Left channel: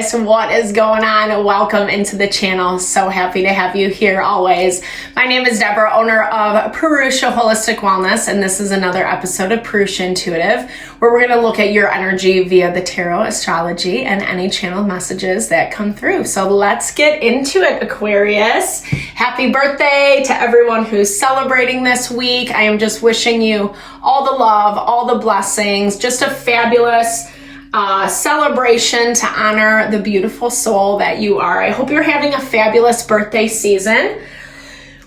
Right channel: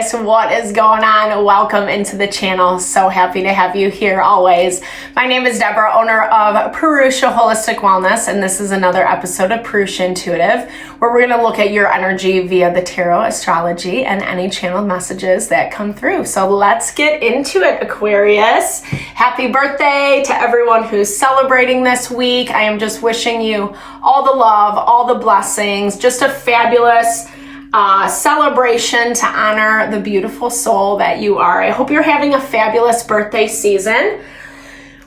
Aquarius, what is going on? Welcome into the channel. So happy to have you here always. My name is Deborah, owner of Purusha Holistic Wellness, and this is another episode of Purusha Intuitive, where we're going to look at your energy via the tarot, astrology, and any channeled messages that come through. So let's get into it, Aquarius. Happy birthday to everyone who's celebrating this week. I am just wishing you all the love, all the blessings, just a fabulous celebration to honor the beautiful soul that you are. I hope you're having a fabulous birthday season.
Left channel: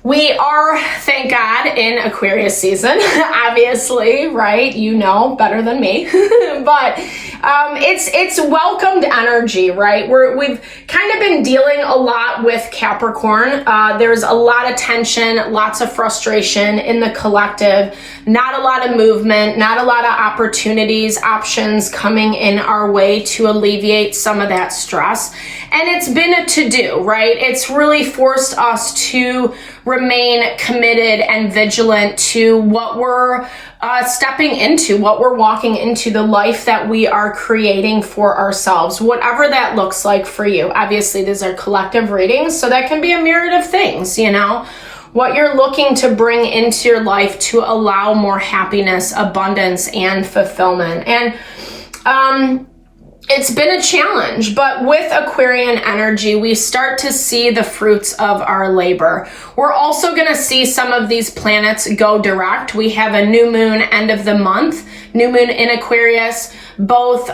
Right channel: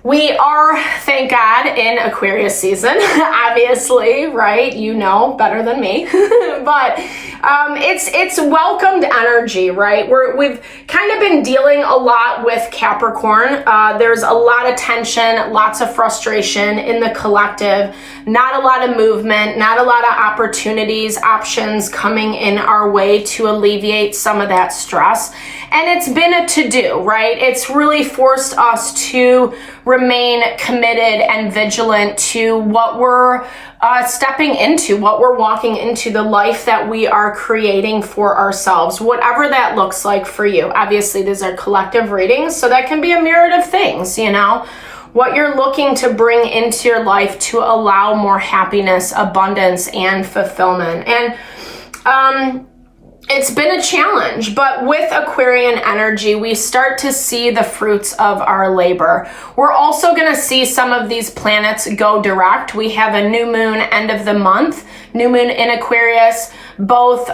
We are, thank God, in Aquarius season, obviously, right? You know better than me, but it's welcomed energy, right? We've kind of been dealing a lot with Capricorn. There's a lot of tension, lots of frustration in the collective, not a lot of movement, not a lot of opportunities, options coming in our way to alleviate some of that stress. And it's been a to-do, right? It's really forced us to remain committed and vigilant to what we're stepping into, what we're walking into, the life that we are creating for ourselves, whatever that looks like for you. Obviously, these are collective readings, so that can be a myriad of things, you know? What you're looking to bring into your life to allow more happiness, abundance, and fulfillment. And it's been a challenge, but with Aquarian energy, we start to see the fruits of our labor. We're also going to see some of these planets go direct. We have a new moon end of the month, new moon in Aquarius, both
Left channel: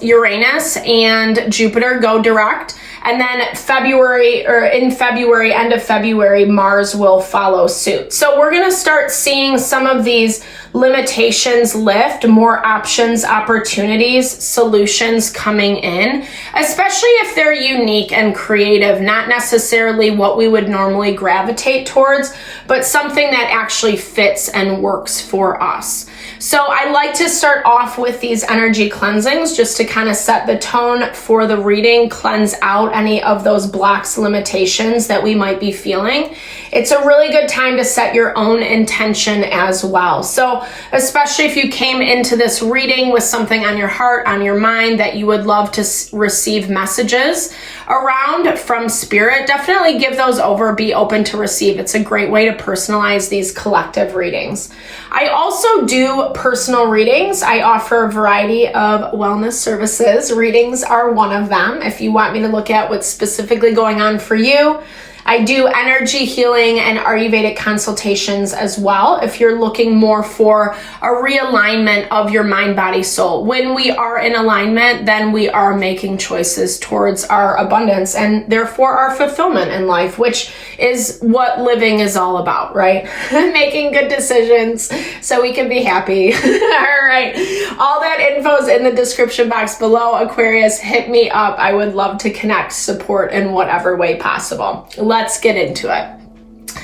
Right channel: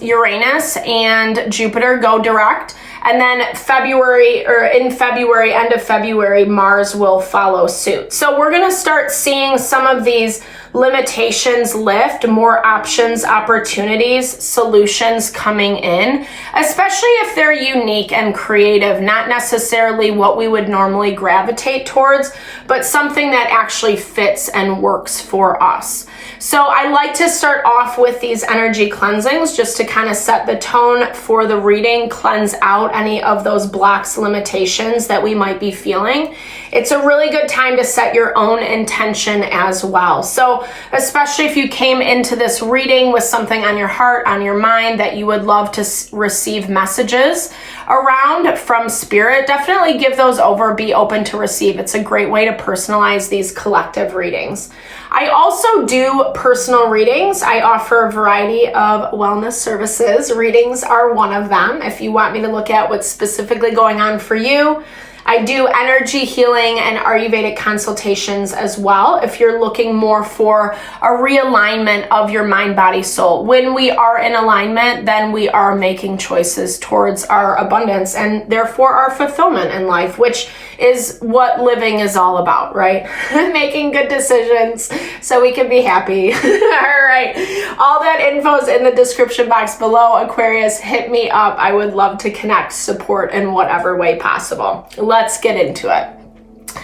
Uranus and Jupiter go direct. And then in February, end of February, Mars will follow suit. So we're going to start seeing some of these limitations lift, more options, opportunities, solutions coming in, especially if they're unique and creative, not necessarily what we would normally gravitate towards, but something that actually fits and works for us. So I like to start off with these energy cleansings just to kind of set the tone for the reading, cleanse out any of those blocks, limitations that we might be feeling. It's a really good time to set your own intention as well. So especially if you came into this reading with something on your heart, on your mind that you would love to receive messages around from spirit, definitely give those over, be open to receive. It's a great way to personalize these collective readings. I also do personal readings. I offer a variety of wellness services. Readings are one of them. If you want me to look at what's specifically going on for you, I do energy healing and Ayurvedic consultations as well if you're looking more for a realignment of your mind, body, soul. When we are in alignment, then we are making choices towards our abundance and therefore our fulfillment in life, which is what living is all about, right? Making good decisions so we can be happy. All right. All that info is in the description box below. Aquarius, hit me up. I would love to connect, support in whatever way possible. Let's get into it.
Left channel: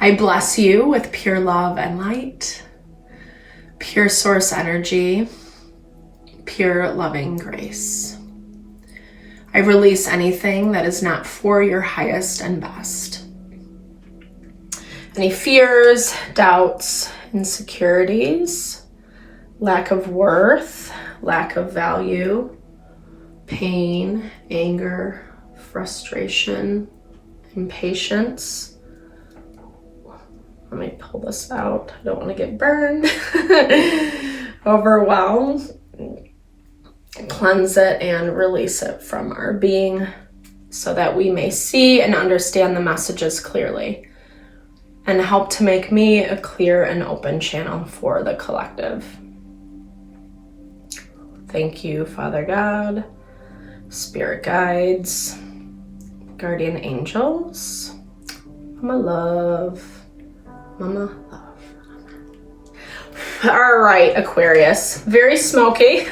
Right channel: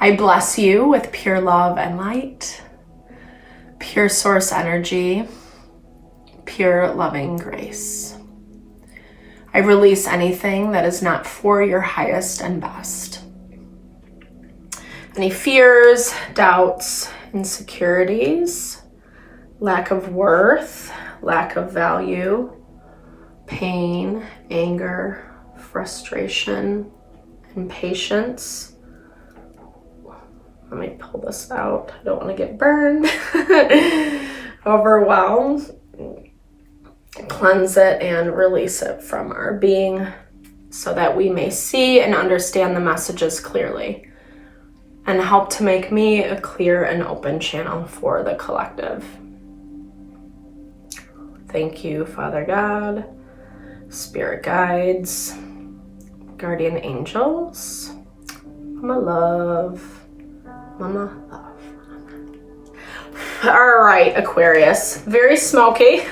I bless you with pure love and light, pure source energy, pure loving grace. I release anything that is not for your highest and best. Any fears, doubts, insecurities, lack of worth, lack of value, pain, anger, frustration, impatience. Let me pull this out. I don't want to get burned. Overwhelm. Cleanse it and release it from our being so that we may see and understand the messages clearly and help to make me a clear and open channel for the collective. Thank you, Father God, Spirit guides, guardian angels, Mama love, Mama love. All right, Aquarius, very smoky.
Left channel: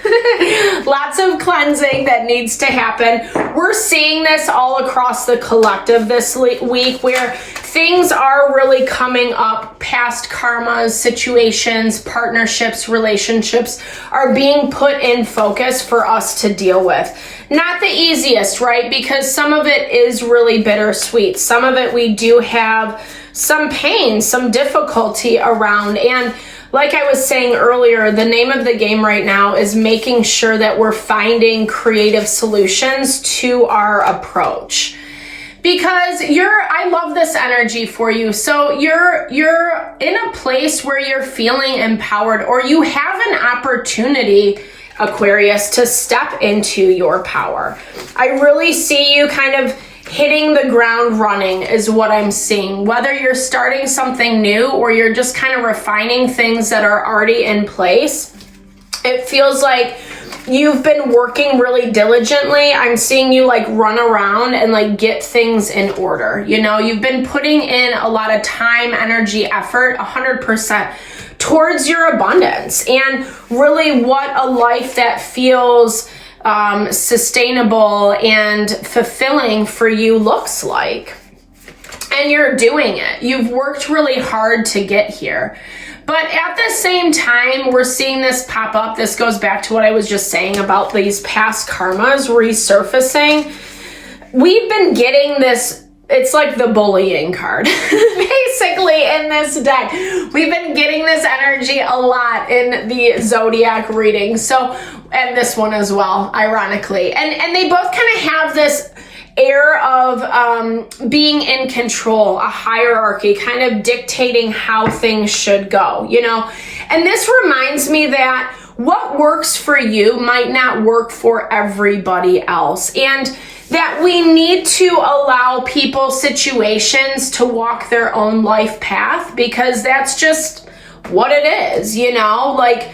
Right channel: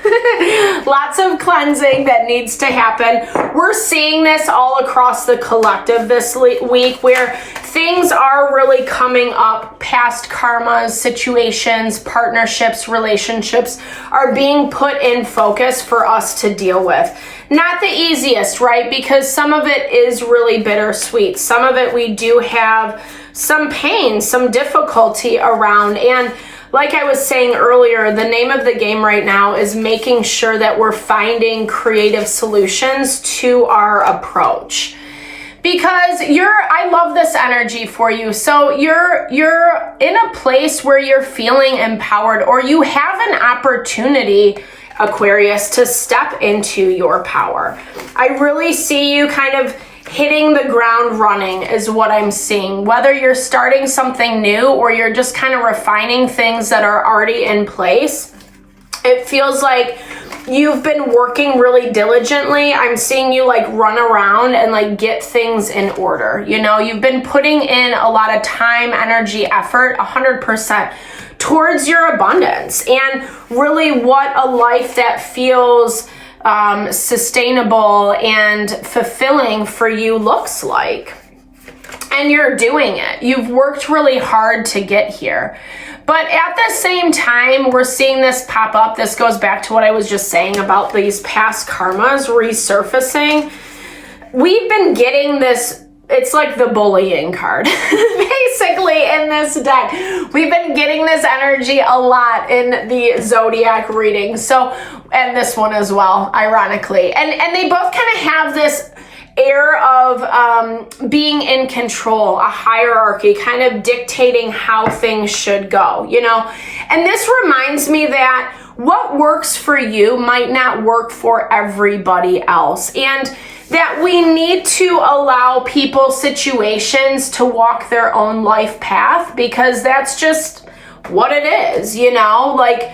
Lots of cleansing that needs to happen. We're seeing this all across the collective this week where things are really coming up. Past karmas, situations, partnerships, relationships are being put in focus for us to deal with. Not the easiest, right? Because some of it is really bittersweet. Some of it we do have some pain, some difficulty around. And like I was saying earlier, the name of the game right now is making sure that we're finding creative solutions to our approach. Because I love this energy for you. So you're in a place where you're feeling empowered, or you have an opportunity, Aquarius, to step into your power. I really see you kind of hitting the ground running is what I'm seeing. Whether you're starting something new or you're just kind of refining things that are already in place, it feels like you've been working really diligently. I'm seeing you like run around and like get things in order. You know, you've been putting in a lot of time, energy, effort, 100% towards your abundance and really what a life that feels sustainable and fulfilling for you looks like. And you're doing it. You've worked really hard to get here. But at the same time, we're seeing this pop up. This goes back to what I was just saying about these past karmas resurfacing. We've been getting this, it's like the bullying card, basically, in this deck. We've been getting this energy a lot in the zodiac reading. So, and this one as well, ironically. And they both kind of have this air of being in control, a hierarchy, kind of dictating how things should go, you know? And this reminds me that what works for you might not work for everybody else. And that we need to allow people, situations to walk their own life path, because that's just what it is, you know? Like,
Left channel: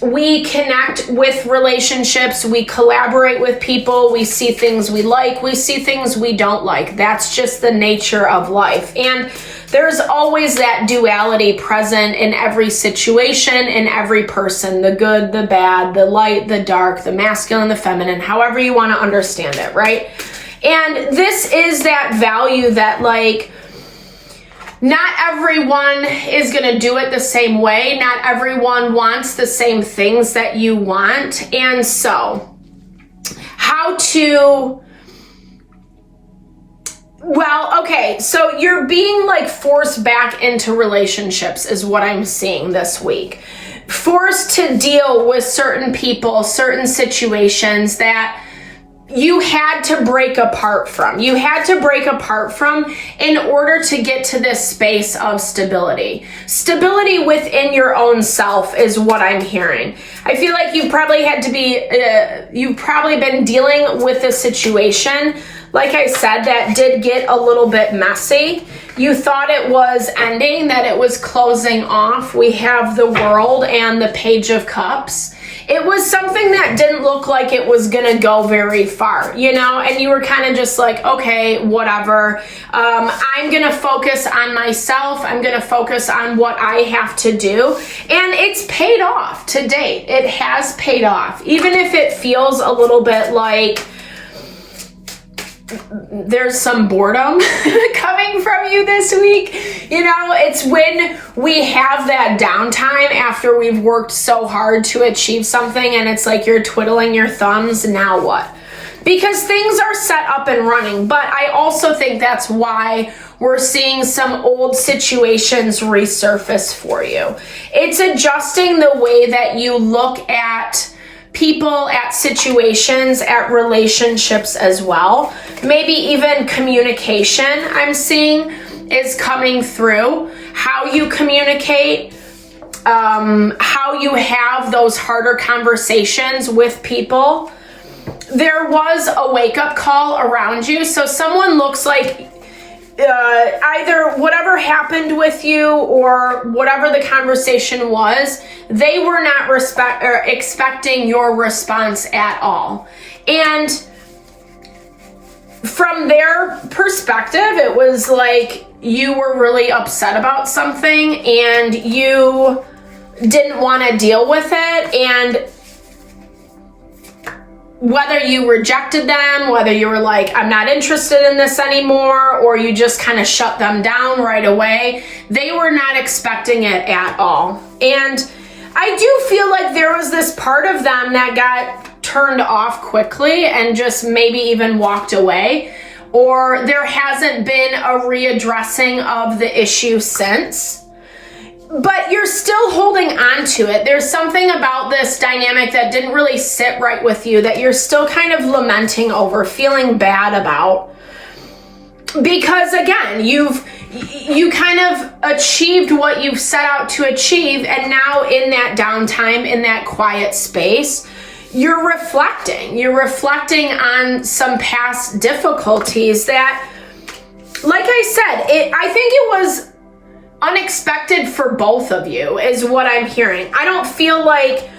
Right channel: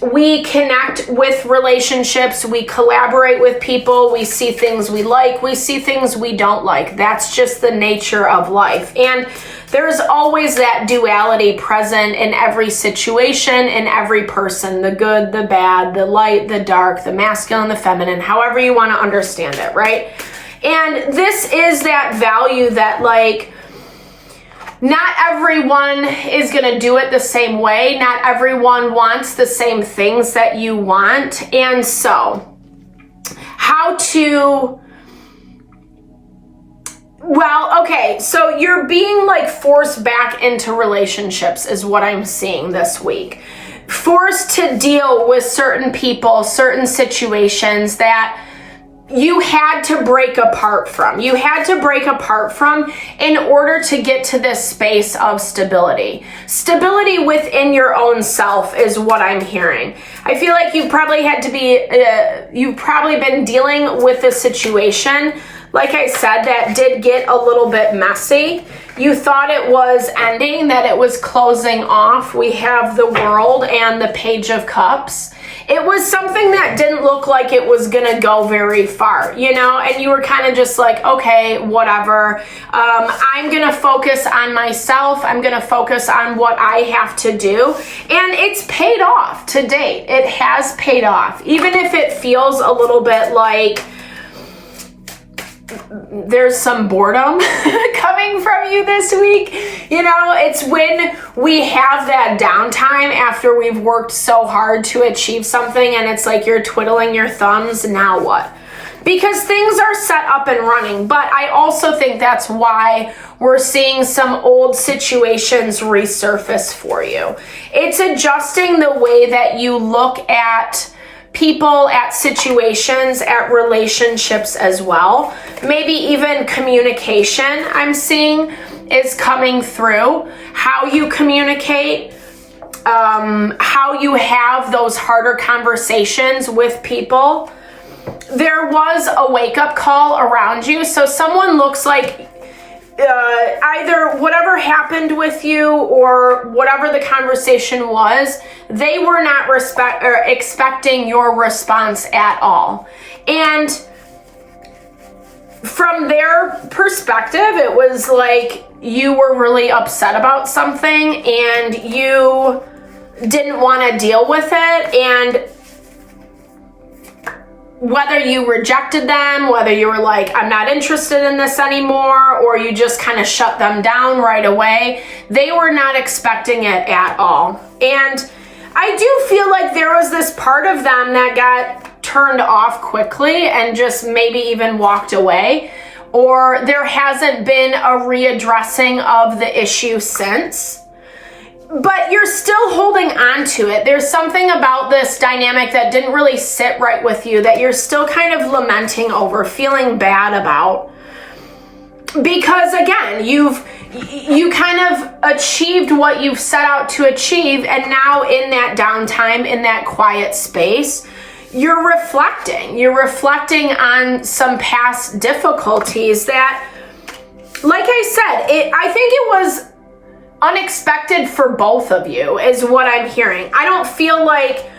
we connect with relationships, we collaborate with people, we see things we like, we see things we don't like. That's just the nature of life. And there's always that duality present in every situation, in every person, the good, the bad, the light, the dark, the masculine, the feminine, however you want to understand it, right? And this is that value that, like, not everyone is going to do it the same way. Not everyone wants the same things that you want. And so, how to... Well, okay, so you're being like forced back into relationships is what I'm seeing this week. Forced to deal with certain people, certain situations that you had to break apart from. You had to break apart from in order to get to this space of stability. Stability within your own self is what I'm hearing. I feel like you've probably had to be, you've probably been dealing with a situation, like I said, that did get a little bit messy. You thought it was ending, that it was closing off. We have the World and the Page of Cups. It was something that didn't look like it was gonna go very far, you know, and you were kind of just like, okay, whatever. I'm gonna focus on myself. I'm gonna focus on what I have to do. And it's paid off to date. It has paid off. Even if it feels a little bit like there's some boredom coming from you this week. You know, it's when we have that downtime after we've worked so hard to achieve something and it's like you're twiddling your thumbs, now what? Because things are set up and running. But I also think that's why we're seeing some old situations resurface for you. It's adjusting the way that you look at people, at situations, at relationships as well. Maybe even communication, I'm seeing, is coming through. How you communicate, how you have those harder conversations with people. There was a wake-up call around you. So someone looks like either whatever happened with you or whatever the conversation was, they were not expecting your response at all. And from their perspective, it was like you were really upset about something and you didn't want to deal with it. And whether you rejected them, whether you were like, I'm not interested in this anymore, or you just kind of shut them down right away, they were not expecting it at all. And I do feel like there was this part of them that got turned off quickly and just maybe even walked away, or there hasn't been a readdressing of the issue since. but you're still holding on to it. There's something about this dynamic that didn't really sit right with you that you're still kind of lamenting over, feeling bad about. Because again, you kind of achieved what you've set out to achieve, and now in that downtime, in that quiet space, you're reflecting on some past difficulties that, like I said, I think it was unexpected for both of you, is what I'm hearing. I don't feel like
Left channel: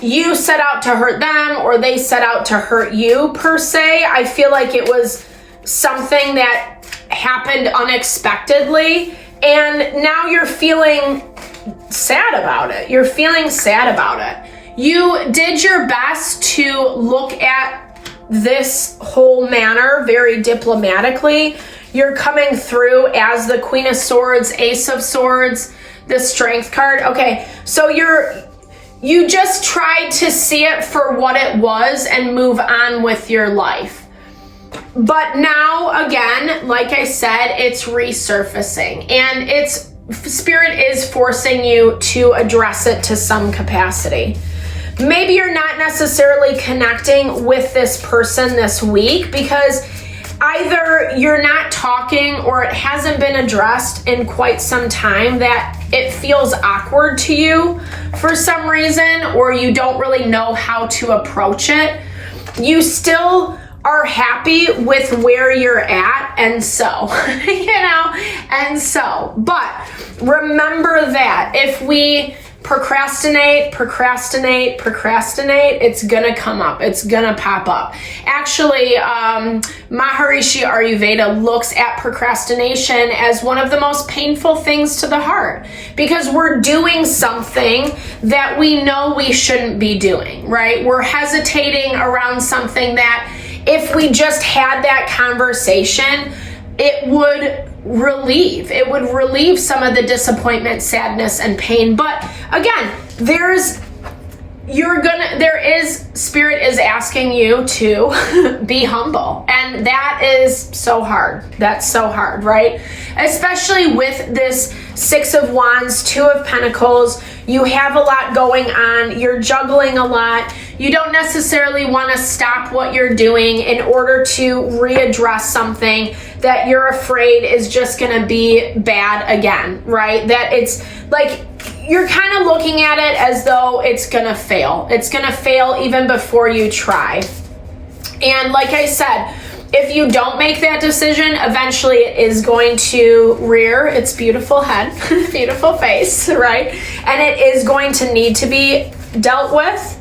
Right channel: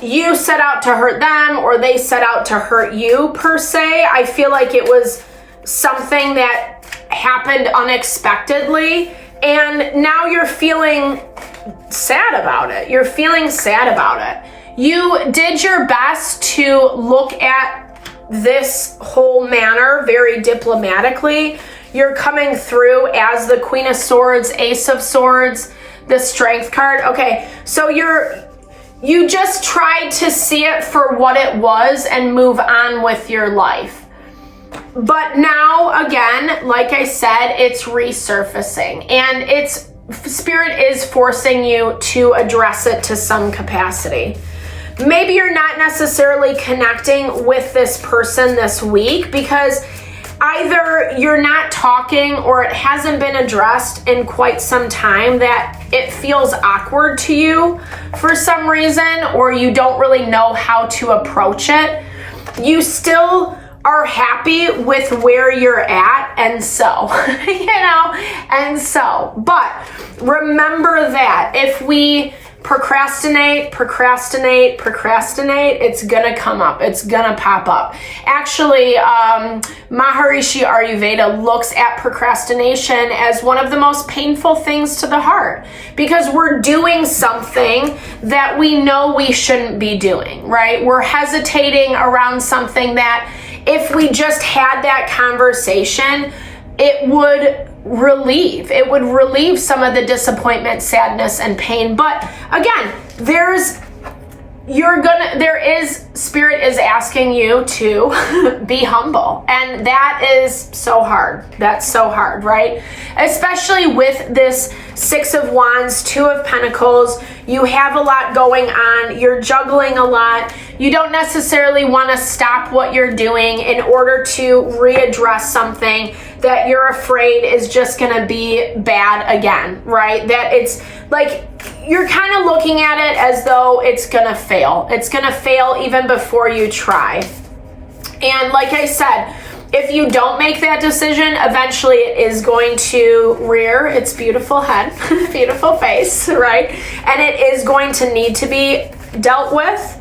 you set out to hurt them or they set out to hurt you per se. I feel like it was something that happened unexpectedly, and now you're feeling sad about it. You're feeling sad about it. You did your best to look at this whole matter very diplomatically. You're coming through as the Queen of Swords, Ace of Swords, the Strength card. Okay, so you just tried to see it for what it was and move on with your life. But now, again, like I said, it's resurfacing, and Spirit is forcing you to address it to some capacity. Maybe you're not necessarily connecting with this person this week because either you're not talking or it hasn't been addressed in quite some time, that it feels awkward to you for some reason, or you don't really know how to approach it. You still are happy with where you're at, and so, but remember that if we procrastinate, it's gonna come up. It's gonna pop up. Actually, Maharishi Ayurveda looks at procrastination as one of the most painful things to the heart, because we're doing something that we know we shouldn't be doing, right? We're hesitating around something that if we just had that conversation, it would relieve some of the disappointment, sadness, and pain. But again, Spirit is asking you to be humble. And that is so hard. That's so hard, right? Especially with this Six of Wands, Two of Pentacles. You have a lot going on. You're juggling a lot. You don't necessarily want to stop what you're doing in order to readdress something that you're afraid is just going to be bad again, right? That it's like you're kind of looking at it as though it's going to fail. It's going to fail even before you try. And like I said, if you don't make that decision, eventually it is going to rear its beautiful head, beautiful face, right? And it is going to need to be dealt with.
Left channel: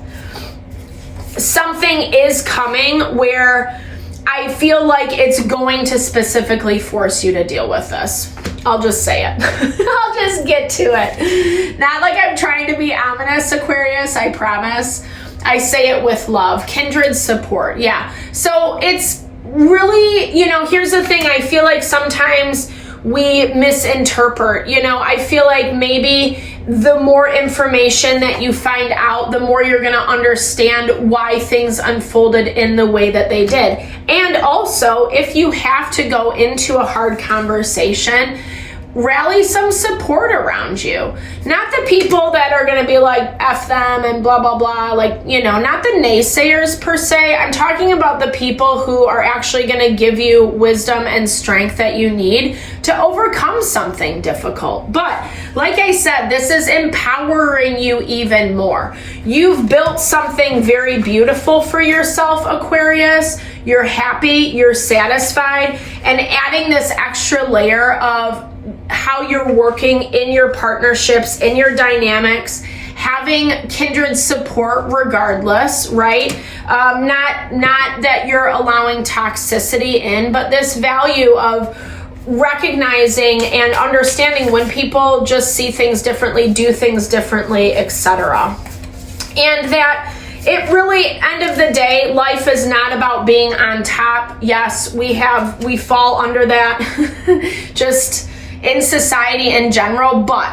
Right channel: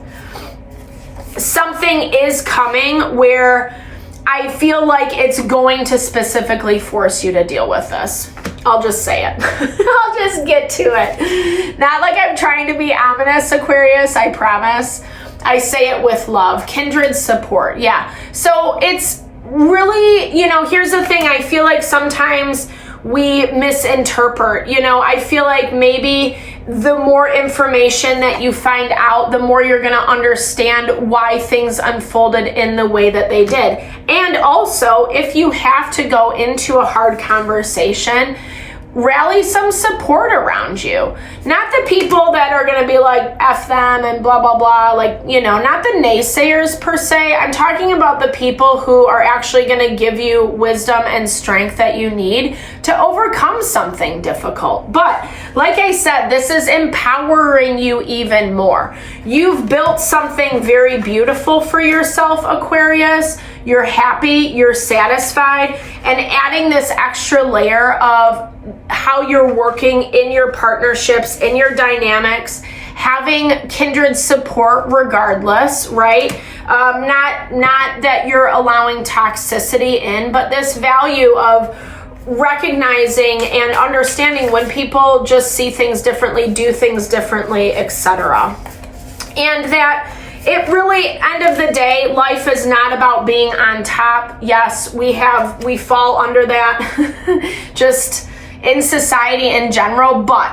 Something is coming where I feel like it's going to specifically force you to deal with this. I'll just say it. I'll just get to it. Not like I'm trying to be ominous, Aquarius, I promise. I say it with love. Kindred support, yeah. So it's really, here's the thing. I feel like sometimes we misinterpret, I feel like maybe the more information that you find out, the more you're going to understand why things unfolded in the way that they did. And also, if you have to go into a hard conversation, rally some support around you. Not the people that are going to be like, F them and blah, blah, blah. Like, not the naysayers per se. I'm talking about the people who are actually going to give you wisdom and strength that you need to overcome something difficult. But like I said, this is empowering you even more. You've built something very beautiful for yourself, Aquarius. You're happy, you're satisfied, and adding this extra layer of how you're working in your partnerships, in your dynamics, having kindred support regardless, right? Not that you're allowing toxicity in, but this value of recognizing and understanding when people just see things differently, do things differently, etc. And that it really, end of the day, life is not about being on top. Yes, we fall under that just in society in general, but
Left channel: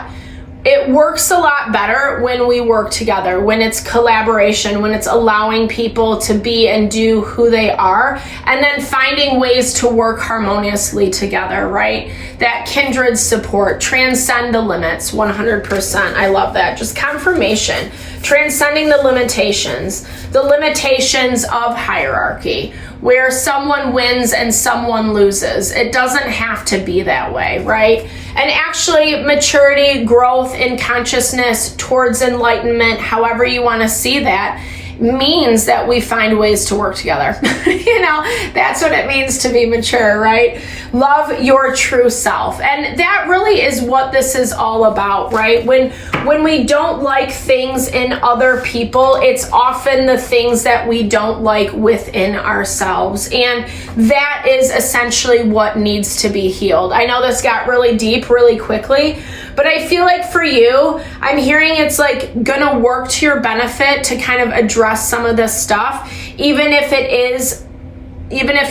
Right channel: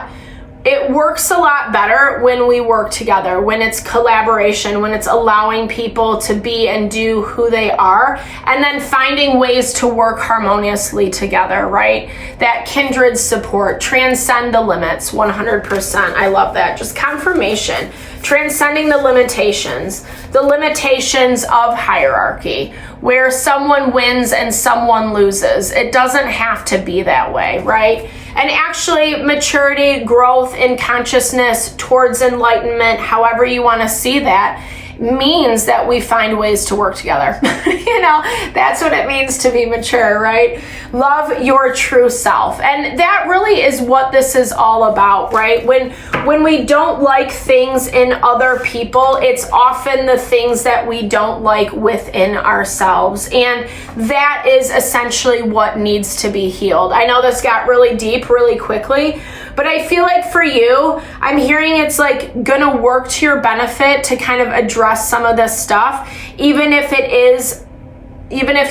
it works a lot better when we work together, when it's collaboration, when it's allowing people to be and do who they are, and then finding ways to work harmoniously together, right? That kindred support, transcend the limits, 100%. I love that. Just confirmation. Transcending the limitations of hierarchy, where someone wins and someone loses. It doesn't have to be that way, right? And actually, maturity, growth in consciousness towards enlightenment, however you want to see that, means that we find ways to work together. You know, that's what it means to be mature, right? Love your true self. And that really is what this is all about, right? When we don't like things in other people, it's often the things that we don't like within ourselves. And that is essentially what needs to be healed. I know this got really deep really quickly, but I feel like for you, I'm hearing it's like gonna work to your benefit to kind of address some of this stuff, even if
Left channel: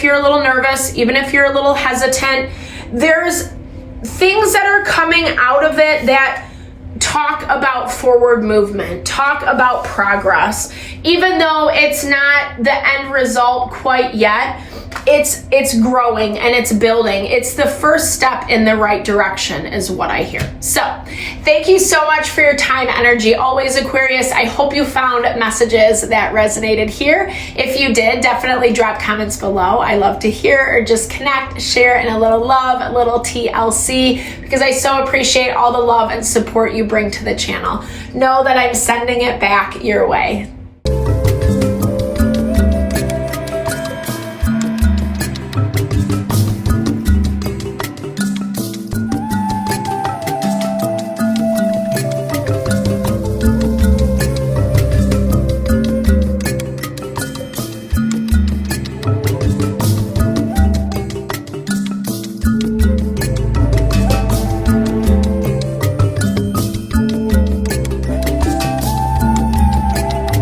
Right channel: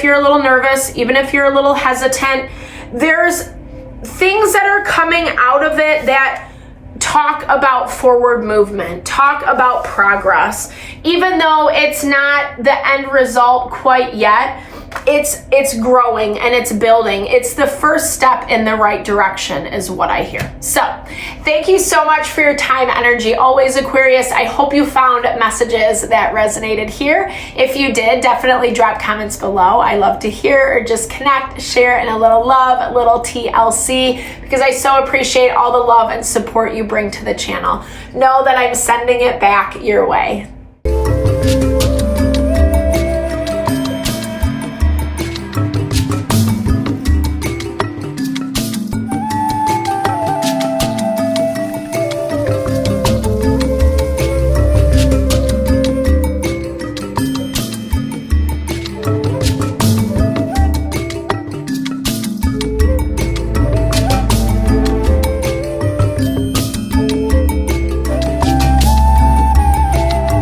you're a little nervous, even if you're a little hesitant. There's things that are coming out of it that talk about forward movement, talk about progress. Even though it's not the end result quite yet, it's growing and it's building. It's the first step in the right direction is what I hear. So thank you so much for your time, energy. Always, Aquarius. I hope you found messages that resonated here. If you did, definitely drop comments below. I love to hear or just connect, share, and a little love, a little TLC, because I so appreciate all the love and support you bring to the channel. Know that I'm sending it back your way.